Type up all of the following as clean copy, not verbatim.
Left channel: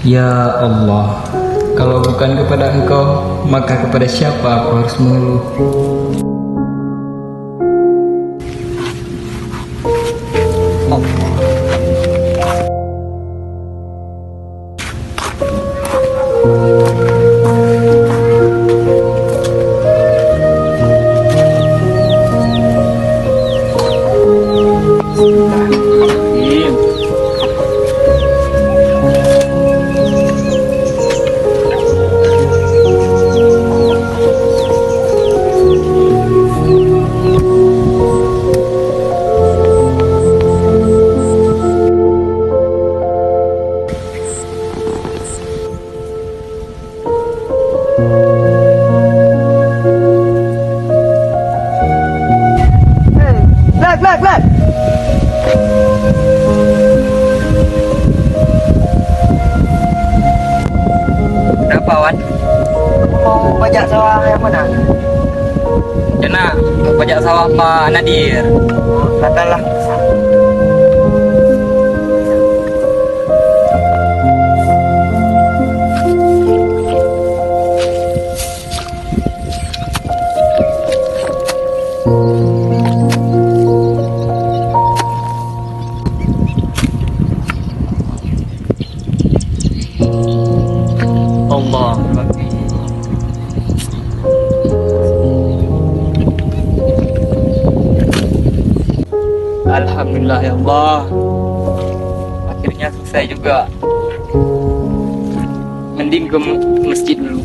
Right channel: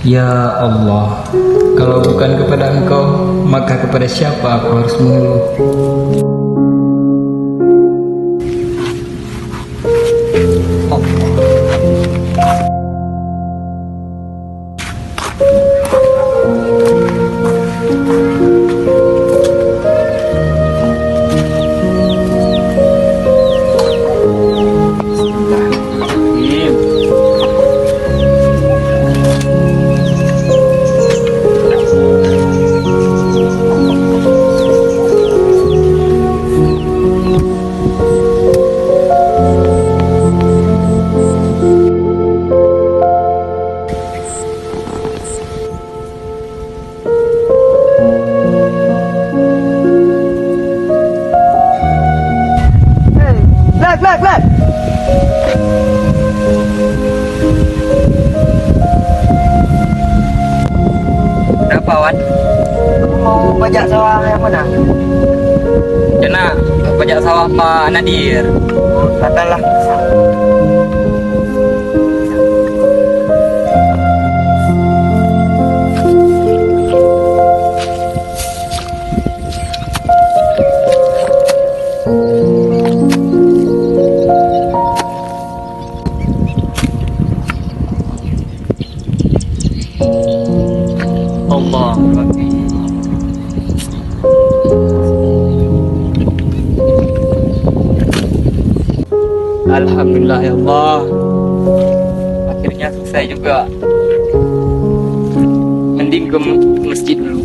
Ya Allah, kalau bukan kepada Engkau, maka kepada siapa aku harus mengeluh? Black. Kenapa, Wan? Mau pajak sawah yang mana? Kena mau pajak sawah Pak Nadir. Katalah. Allah. Alhamdulillah ya Allah. Akhirnya selesai juga. Mending ke masjid dulu.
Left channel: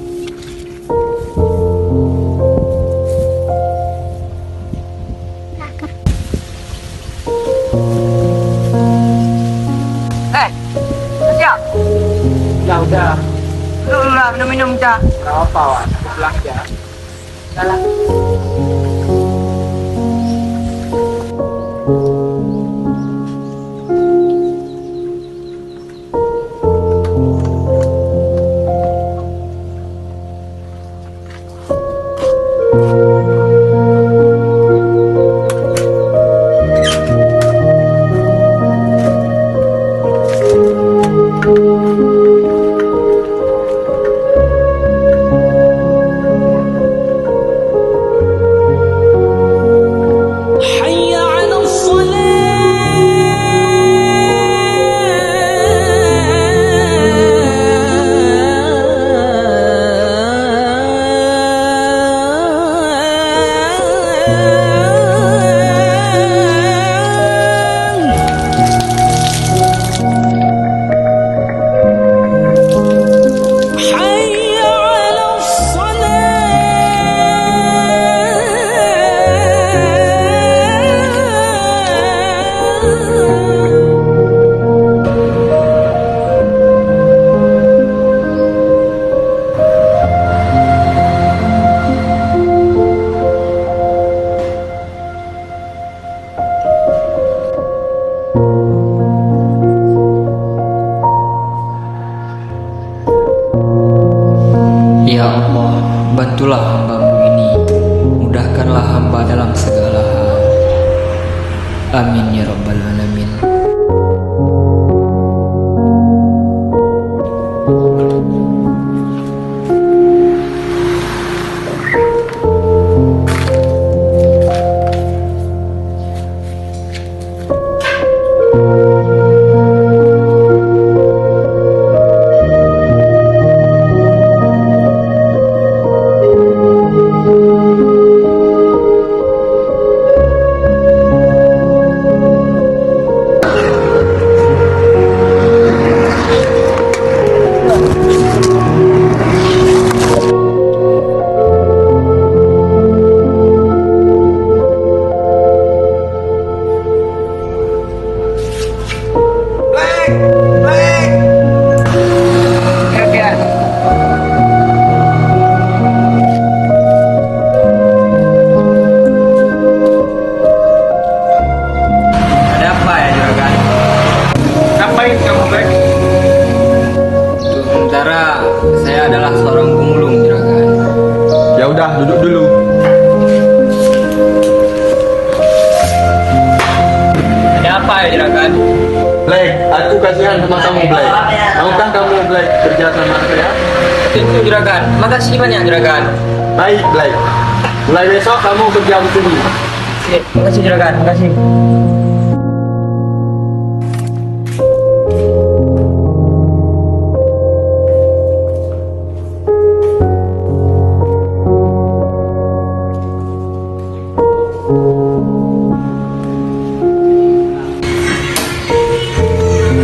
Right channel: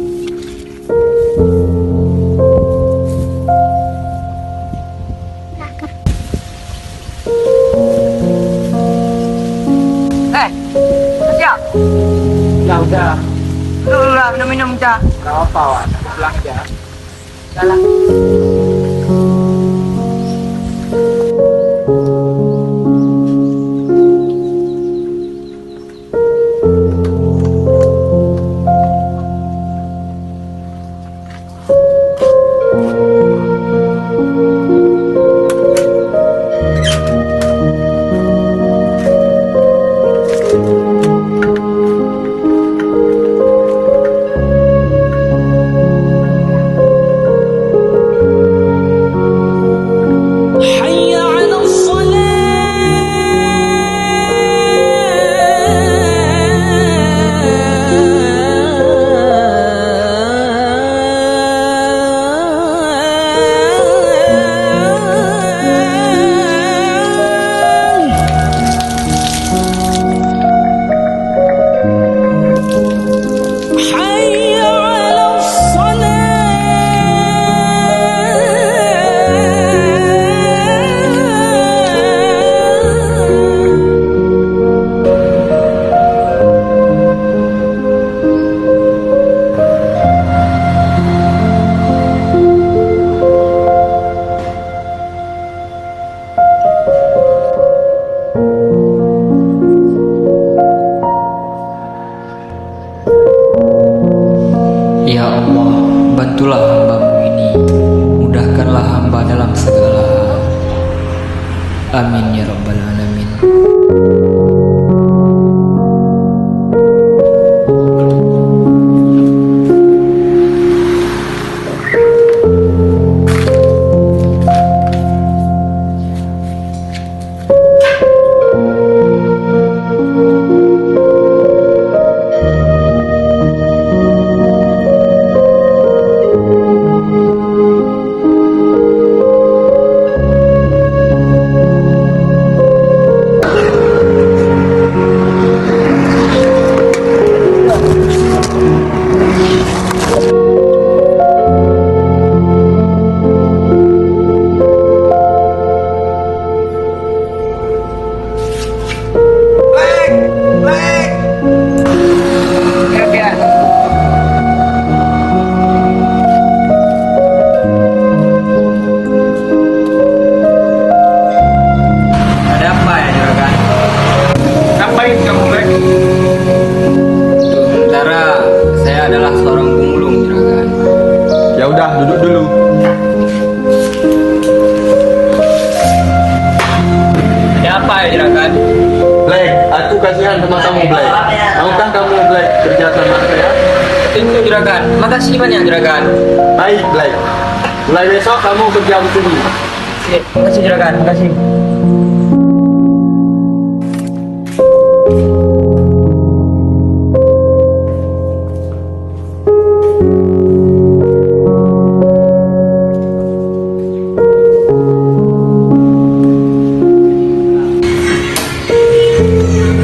Siap. Udah. Dulu lah minum cak. Gak apa, Wan. Aku pulang aja. Salah. حي على الصلاة حي على الصلاة. Ya Allah, bantulah hamba-Mu ini. Mudahkanlah hamba dalam segala hal. Amin ya Rabbal Alamin. Ada apa ya juragan? Ngapain kamu, Black? Sementara saya adalah seorang pemulung juragan. Ya udah, duduk dulu. Ada apa ya juragan? Black, aku kasihan sama kamu Black. Maukah kamu Black kerja sama saya? Tentu juragan. Makasih banyak juragan. Baik Black. Mulai besok kamu kerja di sini. Makasih juragan. Makasih.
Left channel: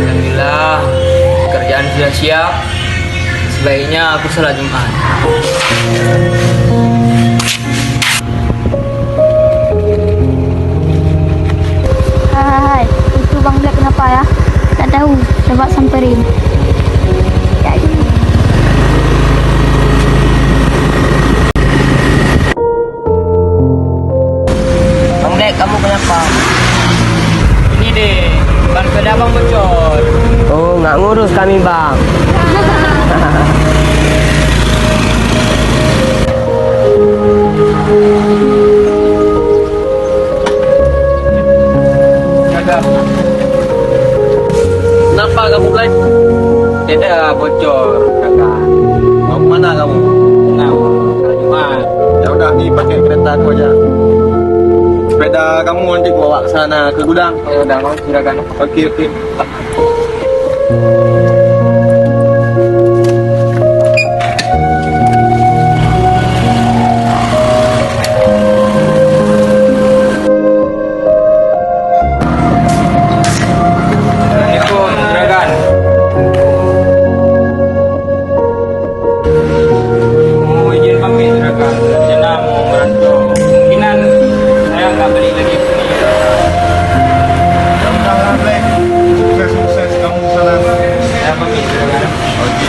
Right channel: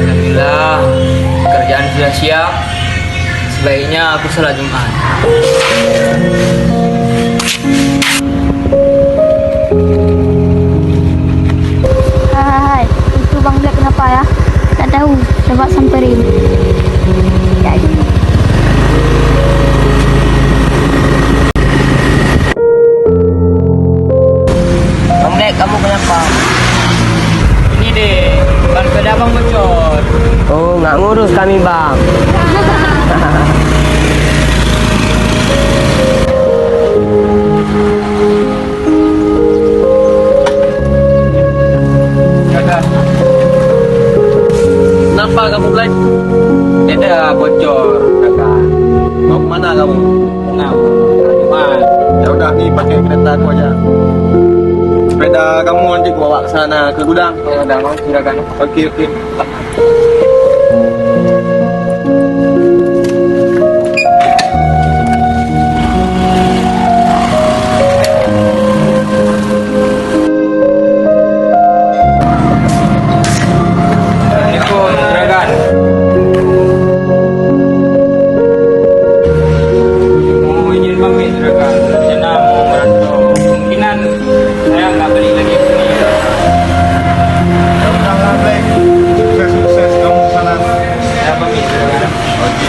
Alhamdulillah, kerjaan sudah siap. Sebaiknya aku sholat Jumat. Hai, itu Bang Black kenapa ya? Tak tahu, coba samperin. Ya, ini. Bang Dek, kamu kenapa? Ini deh, ban sepeda abang bocor. Oh, nggak ngurus kami bang. Kenapa kamu Black? Sepeda bocor, juragan. Mau kemana kamu? Tenang, sholat Jumat. Ya udah nih pakai kereta aku aja. Sepeda kamu nanti bawa ke sana ke gudang. Oh, udah mau juragan. Oke. Assalamualaikum juragan. Mau izin pamit juragan. Rencana mau merantau. Kemungkinan saya nggak balik lagi ke sini. Ya udahlah Black. Sukses kamu ke sana. Saya pamit juragan. Oke.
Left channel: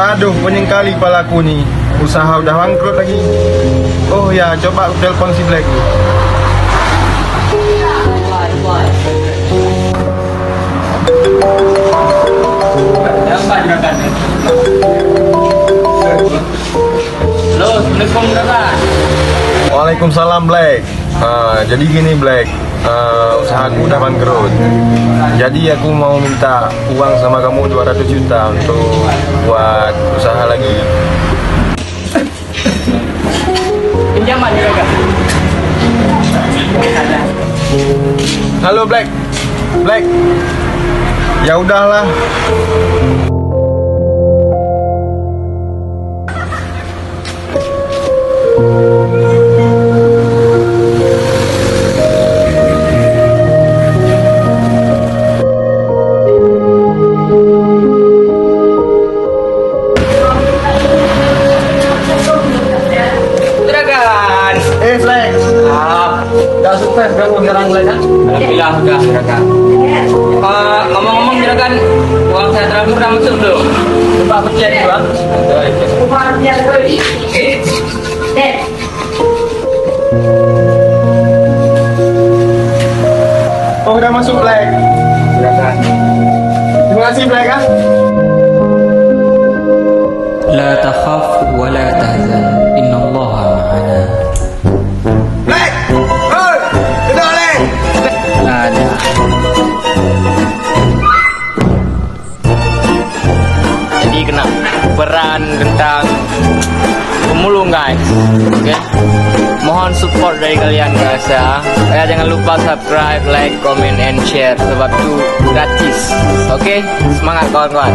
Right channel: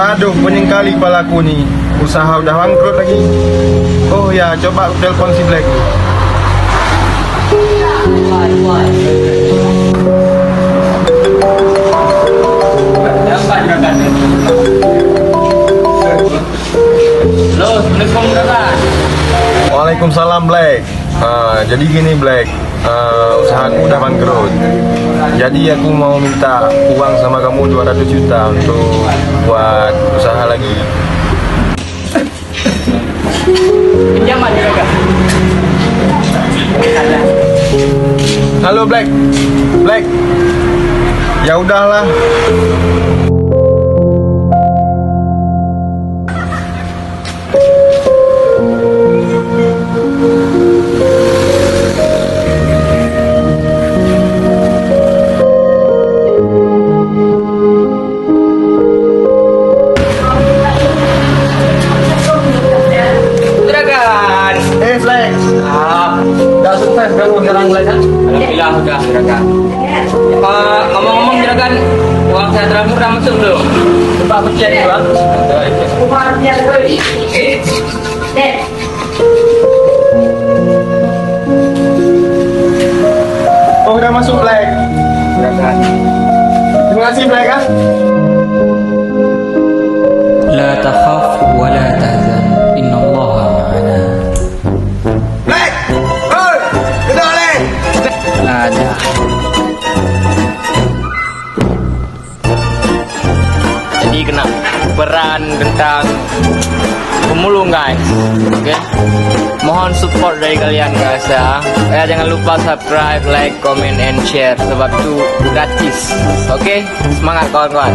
Aduh, pening kali kepalaku nih. Usaha udah bangkrut lagi. Oh ya, coba aku telepon si Black nih. Siapa juragan? Halo, assalamualaikum juragan. Waalaikumsalam Black. Jadi gini Black, usahaku udah bangkrut. Jadi aku mau minta uang sama kamu 200 juta untuk buat usaha lagi. Pinjaman juragan. Halo Black. Black. Ya udahlah. Juragan. Black. Udah sukses kamu sekarang Black kan? Alhamdulillah udah juragan. Ngomong-ngomong juragan, uang saya terakhir udah masuk belum? Coba aku cek dulu. Oh udah masuk Black. Juragan. Terima kasih Black kan? لا تخاف ولا تحزن إن الله معنا. Black. Hoi, kedua Black. Ada. Jadi kena peran tentang pemulung guys. Oke. Mohon support dari kalian guys ya. Jangan lupa subscribe, like, comment, and share sebab itu gratis. Oke, semangat kawan-kawan.